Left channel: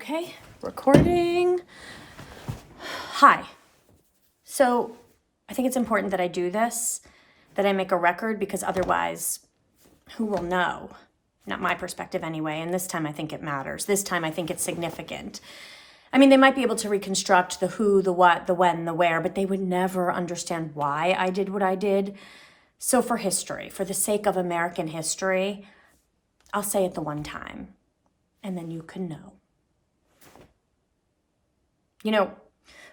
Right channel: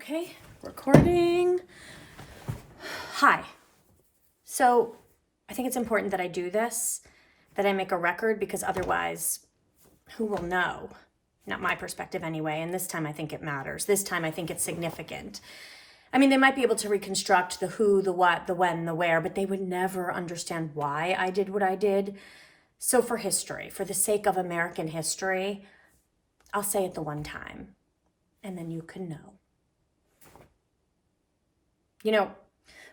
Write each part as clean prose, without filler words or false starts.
Okay, recording. Hi. So I think it's important that I do this, that I make a record, because otherwise, who will know? Not my perspective anyway. And this time I think it matters. This time I think it's significant. I mean, they might be able to reconstruct the who, the what, the when, the where, but they would never understand why I did what I did. So for history, for the sake of American history, I'll say it the one time, and then you can know. You know,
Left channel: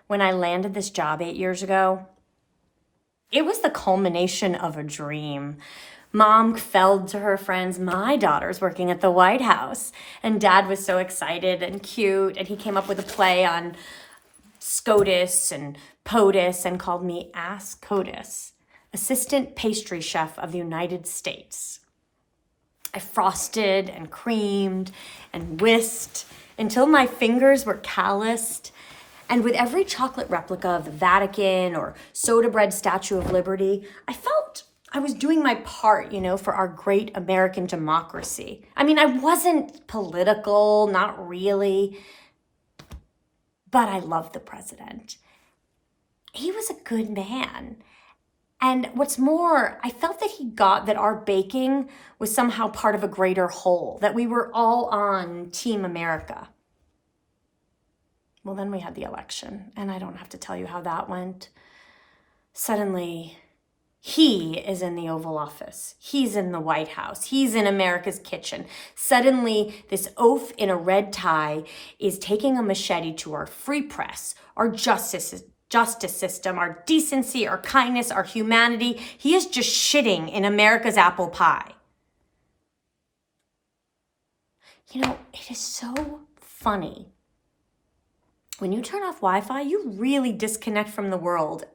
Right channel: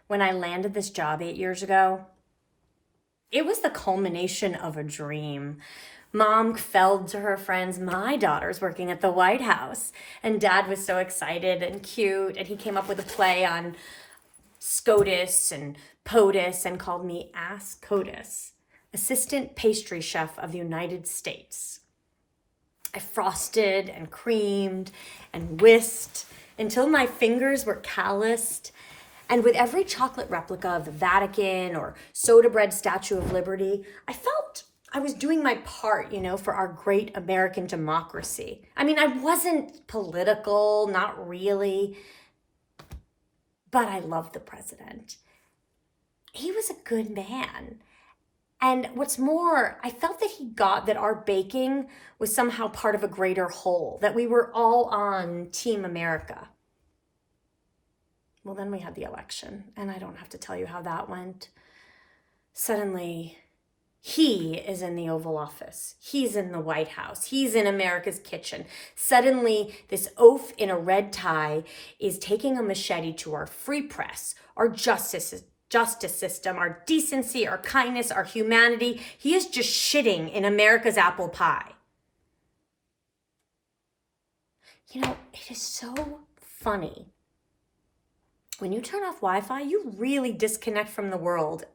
when I landed this job 8 years ago, it was the culmination of a dream. Mom felled to her friends, my daughter's working at the White House. And Dad was so excited and cute. And he came up with a play on SCOTUS and POTUS and called me Ass COTUS, Assistant Pastry Chef of the United States. I frosted and creamed and whisked until my fingers were calloused. And with every chocolate replica of the Vatican or soda bread Statue of Liberty, I felt I was doing my part, for our great American democracy. I mean, I wasn't political, not really, but I loved the president. He was a good man. And what's more, I felt that he got that our baking was somehow part of a greater whole, that we were all on Team America. Well, then we had the election, and I don't have to tell you how that went. Suddenly, he is in the Oval Office. He's in the White House. He's in America's kitchen. Suddenly, this oaf in a red tie is taking a machete to our free press, our justice system, our decency, our kindness, our humanity. He is just shitting in America's apple pie. It is so funny. When you turn off Wi-Fi, you really disconnect from the world.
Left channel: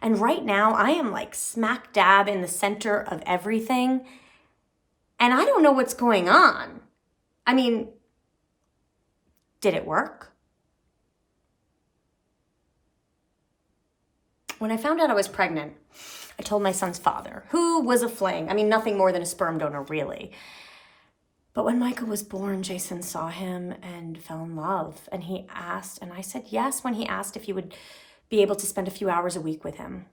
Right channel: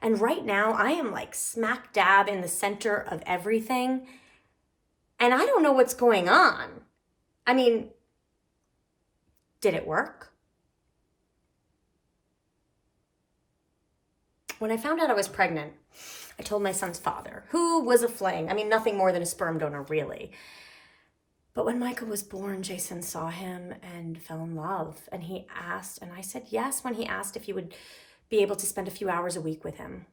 And right now, I am like smack dab in the center of everything. And I don't know what's going on. I mean, did it work? When I found out I was pregnant, I told my son's father, who was a fling. I mean, nothing more than a sperm donor, really. But when Michael was born, Jason saw him and fell in love. And he asked, and I said yes when he asked if he would be able to spend a few hours a week with him.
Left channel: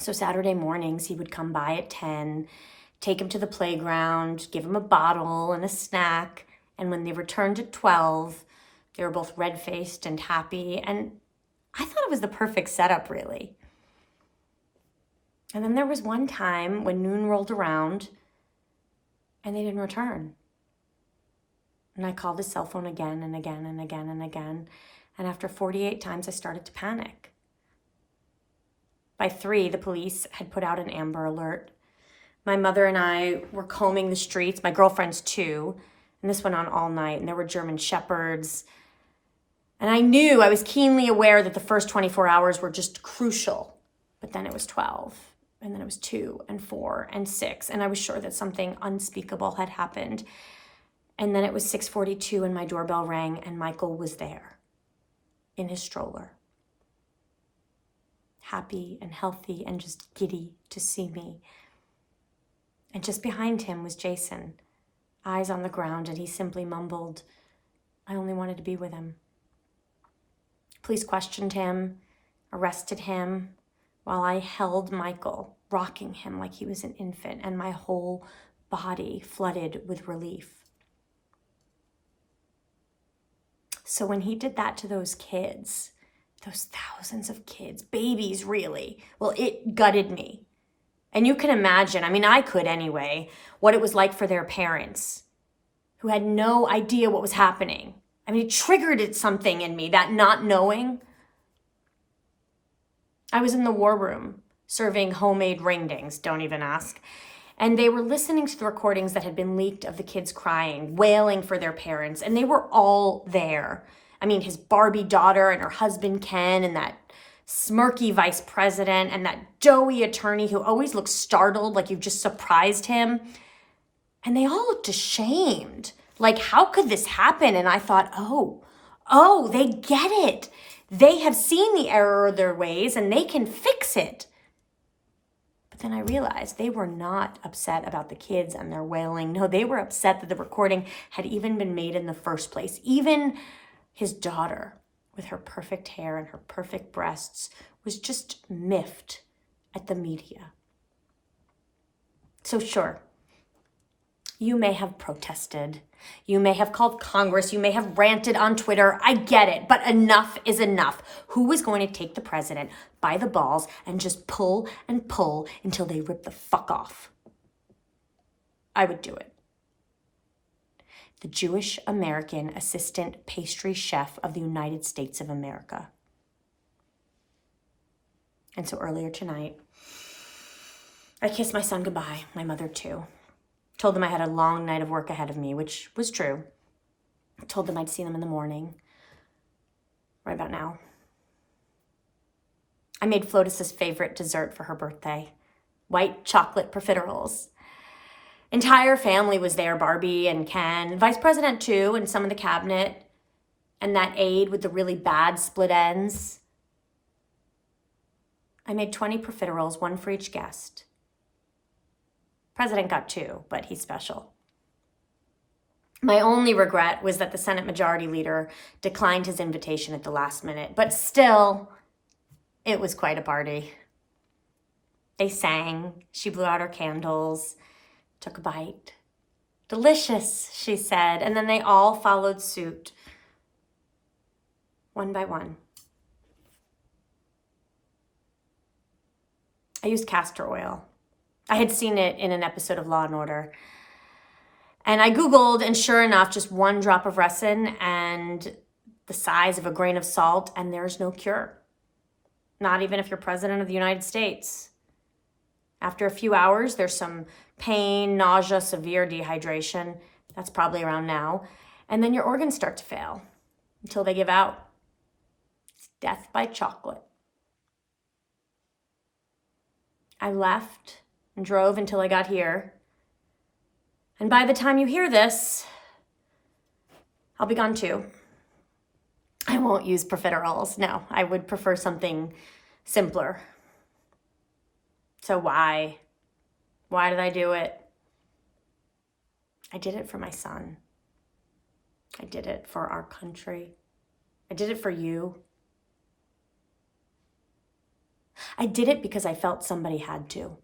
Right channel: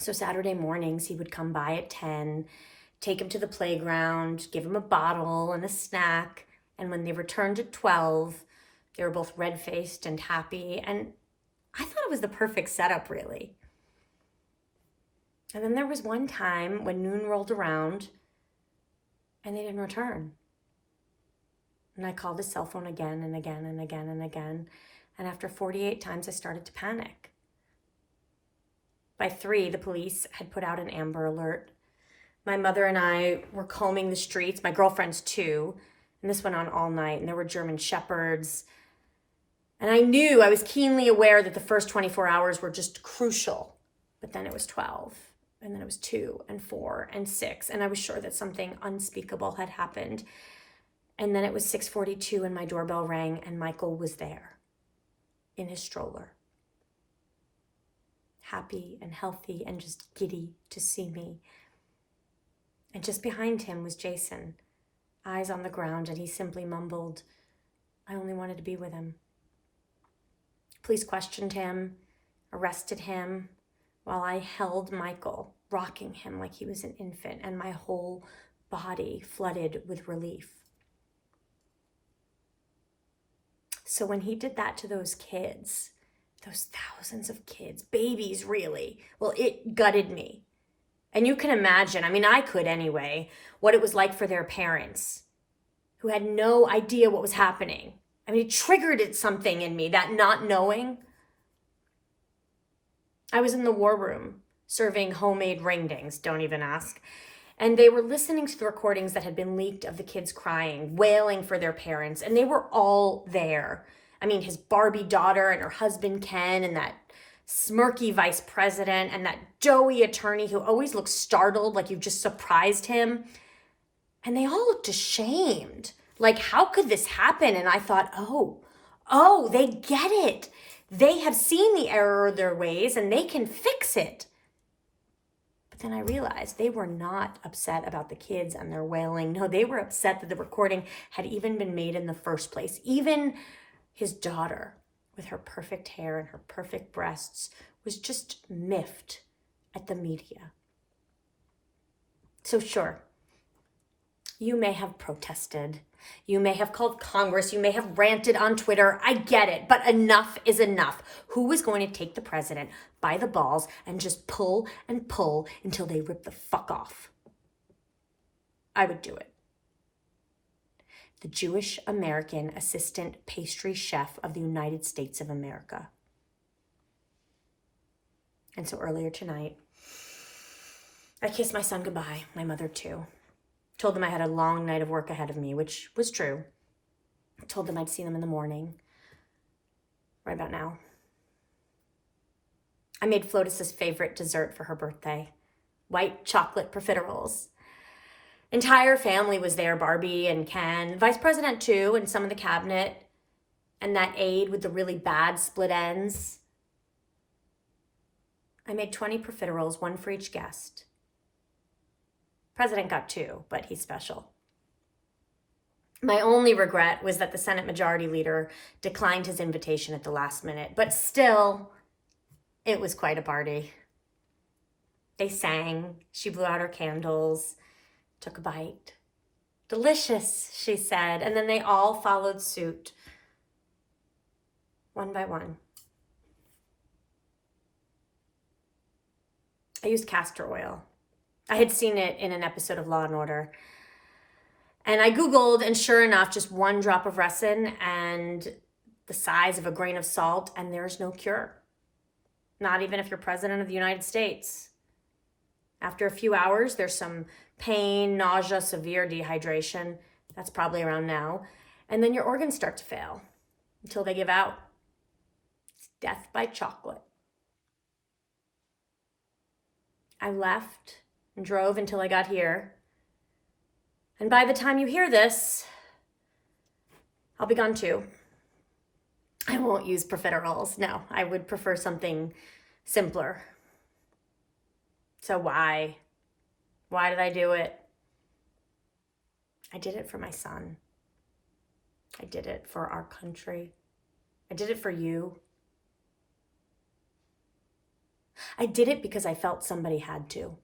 So Saturday mornings, he would come by at 10, take him to the playground, give him a bottle and a snack. And when they returned at 12, they were both red-faced and happy. And I thought it was the perfect setup, really. And then there was one time when noon rolled around, and they didn't return. And I called his cell phone again and again and again and again. And after 48 times, I started to panic. By 3, the police had put out an Amber Alert. My mother and I were combing the streets, my girlfriends too. And this went on all night. And there were German Shepherds. And I was keenly aware that the first 24 hours were just crucial. But then it was 12. And then it was 2 and 4 and 6. And I was sure that something unspeakable had happened. And then it was 6:42 and my doorbell rang and Michael was there in his stroller. Happy and healthy and just giddy to see me. And just behind him was Jason, eyes on the ground, and he simply mumbled, "I only wanted to be with him." Police questioned him, arrested him, while I held Michael, rocking him like he was an infant, and my whole body flooded with relief. So when he did that to those kids, those thousands of kids, babies really, well, it gutted me. And you can imagine, I could anyway, what it was like for their parents who had no idea what was happening. It triggered something in me, that not knowing. I was in the war room serving homemade ring-dings, don't even ask. And they were listening to the recordings that had been leaked of the kids crying, wailing for their parents, and they were all there. His Barbie daughter and her husband Ken, and that smirky vice president, and that doughy attorney who always looks startled, like you've just surprised him. And they all looked ashamed. Like, how could this happen? And I thought, oh, they get it. They have seen the error of their ways and they can fix it. But then I realized they were not upset about the kids and their wailing. No, they were upset that the recording had even been made in the first place. Even his daughter, with her perfect hair and her perfect breasts, was just miffed at the media. So sure, you may have protested. You may have called Congress. You may have ranted on Twitter. I get it, but enough is enough. Who is going to take the president by the balls and just pull and pull until they rip the fuck off? I would do it. The Jewish American assistant pastry chef of the United States of America. And so earlier tonight, I kissed my son goodbye, my mother too. Told them I had a long night of work ahead of me, which was true. I told them I'd see them in the morning, right about now. I made Flotus's favorite dessert for her birthday, white chocolate profiteroles. Entire family was there, Barbie and Ken, Vice President too, and some of the cabinet, and that aide with the really bad split ends. I made 20 profiteroles, one for each guest. President got 2, but he's special. My only regret was that the Senate Majority Leader declined his invitation at the last minute, but still, it was quite a party. They sang, she blew out her candles, took a bite. Delicious, she said, and then they all followed suit, one by one. I used castor oil. I had seen it in an episode of Law & Order. And I Googled, and sure enough, just 1 drop of resin and the size of a grain of salt, and there's no cure. Not even if you're president of the United States. After a few hours, there's some pain, nausea, severe dehydration. That's probably around now. And then your organs start to fail until they give out. It's death by chocolate. I left and drove until I got here. And by the time you hear this, I'll be gone too. I won't use profiteroles. No, I would prefer something simpler. So why? Why did I do it? I did it for my son. I did it for our country. I did it for you. I did it because I felt somebody had to.